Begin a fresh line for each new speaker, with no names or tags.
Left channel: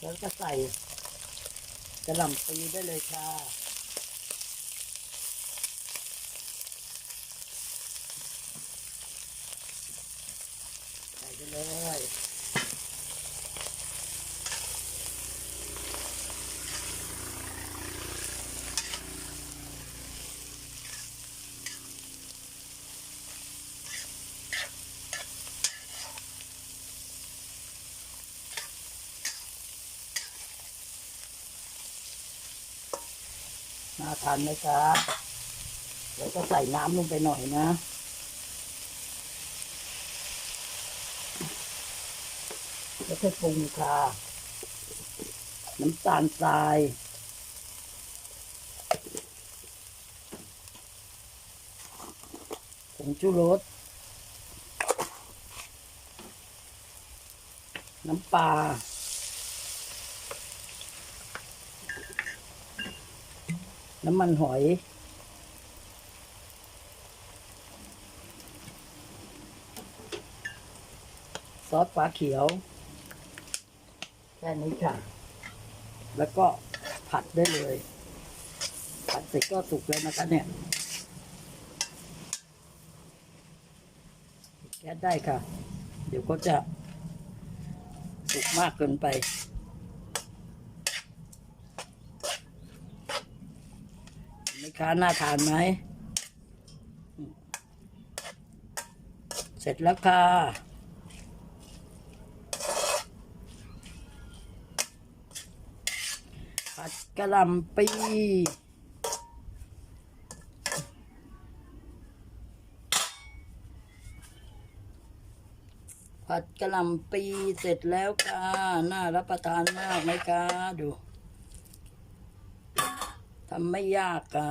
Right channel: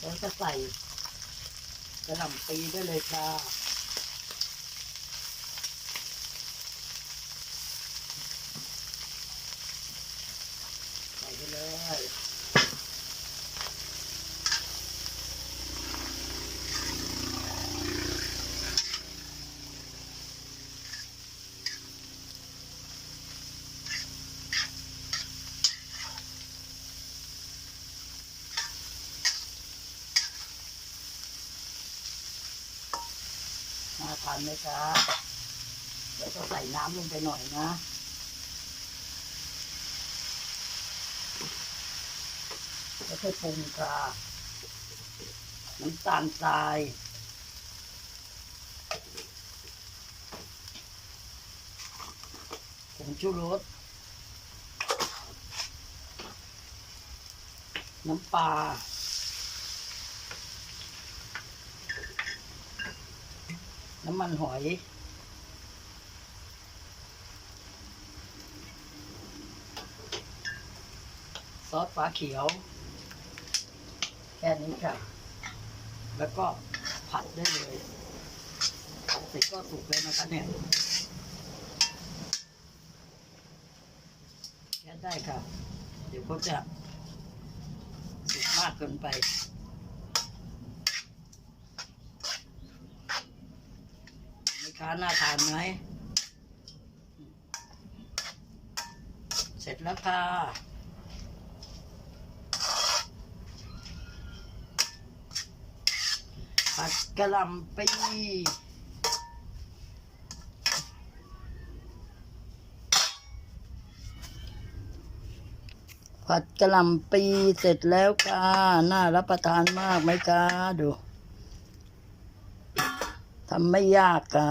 แล้วจะใส่กระหล่ำปีได้เลยค่ะ ใส่ไปเลย น่าทานไหมจ๊ะเดี๋ยวจะใส่น้ำลงไปหน่อยนะแล้วค่อยปรุงค่ะน้ำตาลทรายผงชูรสน้ำปลา น้ำมันหอย ซอสฟ้าเขียว แค่นี้ค่ะ แล้วก็ผัดได้เลยผัดเสร็จก็สุกแล้วนะคะเนี่ยแก๊สได้ค่ะ เดี๋ยวก็จะสุกมากเกินไป ไม่ ค้าน่าทานไหมอืมเสร็จแล้วค่ะ ผัดกะหล่ำปีผัดกะหล่ำปีเสร็จแล้วค่ะ น่ารับประทานมากไหมคะดู ทำไม่ยากค่ะ